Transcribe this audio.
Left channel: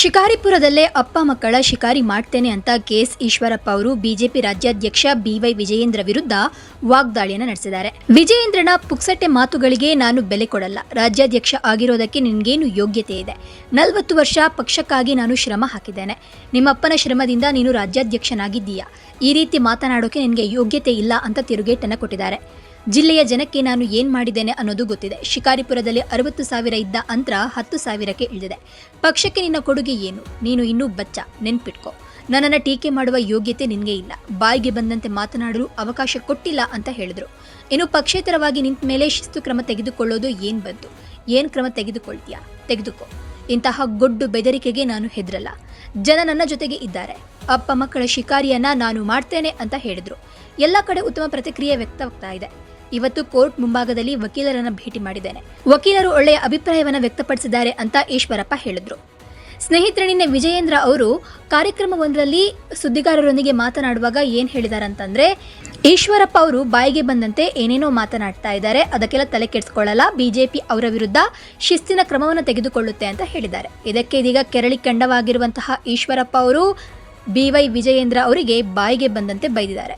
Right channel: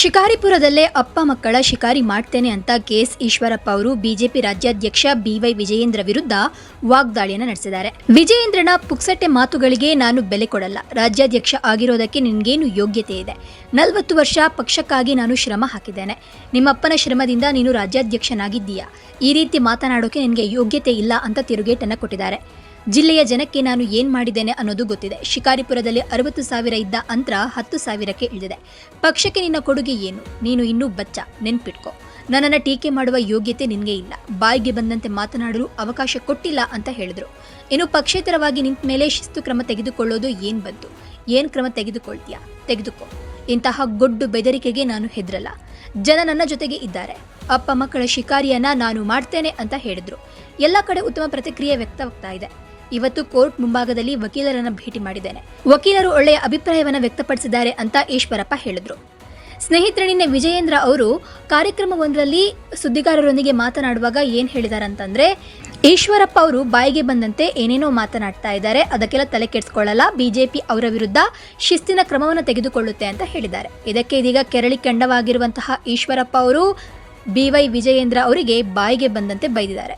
ಶಿಕಾರಿಪುರದಲ್ಲೇ ಅಪ್ಪ ಮಕ್ಕಳ ಶಿಕಾರಿ ಮಾಡ್ತೇನೆ ಅಂತ ಕೆಎಸ್ ಈಶ್ವರಪ್ಪ ಅವರು ಬಿಜೆಪಿ ರಾಜ್ಯಾಧ್ಯಕ್ಷ ಬಿವೈ ವಿಜಯೇಂದ್ರ ವಿರುದ್ಧ ವಾಗ್ದಾಳಿಯನ್ನು ನಡೆಸಿದ್ದಾರೆ. ವಿಜಯೇಂದ್ರನ ಪುಕ್ಸಟ್ಟೆ ಮಾತುಗಳಿಗೆ ನಾನು ಬೆಲೆ ಕೊಡಲ್ಲ. ರಾಜ್ಯಾಧ್ಯಕ್ಷ ಆಗಿರೋದಕ್ಕೆ ನಿನ್ಗೇನು ಯೋಗ್ಯತೆ ಇದೆ? 40 ವರ್ಷ ಪಕ್ಷಕ್ಕಾಗಿ ನಾನು ಶ್ರಮ ಹಾಕಿದ್ದೇನೆ. ನಿಮ್ಮಪ್ಪನ ಶ್ರಮದಿಂದ ನೀನು ರಾಜ್ಯಾಧ್ಯಕ್ಷನಾಗಿದ್ದೀಯಾ? ಈ ರೀತಿ ಮಾತನಾಡೋಕೆ ನಿನಗೆ ಯೋಗ್ಯತೆ ಇಲ್ಲ ಅಂತ ತಿರುಗೇಟನ್ನು ಕೊಟ್ಟಿದ್ದಾರೆ. ಜಿಲ್ಲೆಯ ಜನಕ್ಕೆ ನಾನು ಏನ್ ಮಾಡಿದ್ದೇನೆ ಅನ್ನೋದು ಗೊತ್ತಿದೆ. ಶಿಕಾರಿಪುರದಲ್ಲಿ 60,000 ಇದ್ದ ಅಂತರ 10,000ಕ್ಕೆ ಇಳಿದಿದೆ. ಪಕ್ಷಕ್ಕೆ ನಿನ್ನ ಕೊಡುಗೆ ಏನು? ನೀನು ಇನ್ನೂ ಬಚ್ಚ, ನೆನ್ಪಿಟ್ಕೋ. ನನ್ನನ್ನು ಟೀಕೆ ಮಾಡುವ ಯೋಗ್ಯತೆ ನಿನಗೆ ಇಲ್ಲ. ಬಾಯಿಗೆ ಬಂದಂತೆ ಮಾತನಾಡಲು ಅವಕಾಶ ಕೊಟ್ಟಿಲ್ಲ ಅಂತ ಹೇಳಿದ್ರು. ಇನ್ನು ಪಕ್ಷೇತರವಾಗಿ ನಿಂತ ಮೇಲೆ ಶಿಸ್ತು ಕ್ರಮ ತೆಗೆದುಕೊಳ್ಳೋದು ಏನ್ ಬಂತು? ಏನ್ ಕ್ರಮ ತೆಗೆದುಕೊಳ್ತೀಯಾ? ತೆಗೆದುಕೋ. ಇಂತಹ ಗೊಡ್ಡು ಬೆದರಿಕೆಗೆ ನಾನು ಹೆದರಲ್ಲ. ಜನ ನನ್ನ ಜೊತೆಗೆ ಇದ್ದಾರೆ. ಅಪ್ಪ ಮಕ್ಕಳ ಶಿಕಾರಿಯನ್ನ ನಾನು ಮಾಡ್ತೇನೆ ಅಂತ ಹೇಳಿದ್ರು. ಎಲ್ಲ ಕಡೆ ಉತ್ತಮ ಪ್ರತಿಕ್ರಿಯೆ ವ್ಯಕ್ತ ಆಗ್ತಾ ಇದೆ. ಇವತ್ತು ಕೋರ್ಟ್ ಮುಂಭಾಗದಲ್ಲಿ ವಕೀಲರನ್ನ ಭೇಟಿ ಮಾಡಿದ್ದೇನೆ. ವಕೀಲರು ಒಳ್ಳೆಯ ಅಭಿಪ್ರಾಯವನ್ನ ವ್ಯಕ್ತಪಡಿಸಿದ್ದಾರೆ ಅಂತ ಈಶ್ವರಪ್ಪ ಹೇಳಿದ್ರು. ಸ್ನೇಹಿತರೆ, ನಿನ್ನೆ ವಿಜಯೇಂದ್ರ ಅವರು ಕಾರ್ಯಕ್ರಮವೊಂದರಲ್ಲಿ ಸುದ್ದಿಗಾರರೊಂದಿಗೆ ಮಾತನಾಡುವಾಗ ಏನ್ ಹೇಳಿದ್ದಾರೆ ಅಂತಂದ್ರೆ, ಈಶ್ವರಪ್ಪ ಅವರು ಬಾಯಿಗೆ ಬಂದಂತೆ ಏನೇನೋ ಮಾತನಾಡ್ತಾ ಇದ್ದಾರೆ, ಅದಕ್ಕೆಲ್ಲ ತಲೆ ಕೆಡಿಸ್ಕೊಳ್ಳಲ್ಲ. ಬಿಜೆಪಿ ಅವರ ವಿರುದ್ಧ ಶಿಸ್ತಿನ ಕ್ರಮವನ್ನು ತೆಗೆದುಕೊಳ್ಳುತ್ತೆ ಅಂತ ಹೇಳಿದ್ದಾರೆ. ಇದಕ್ಕೆ ಇದೀಗ ಕೆರಳಿ ಕೆಂಡವಾಗಿರುವಂತಹ ಈಶ್ವರಪ್ಪ ಅವರು ಬಿವೈ ವಿಜಯೇಂದ್ರ ಅವರಿಗೆ ಬಾಯಿಗೆ ಬಂದಂತೆ ಬೈದಿದ್ದಾರೆ.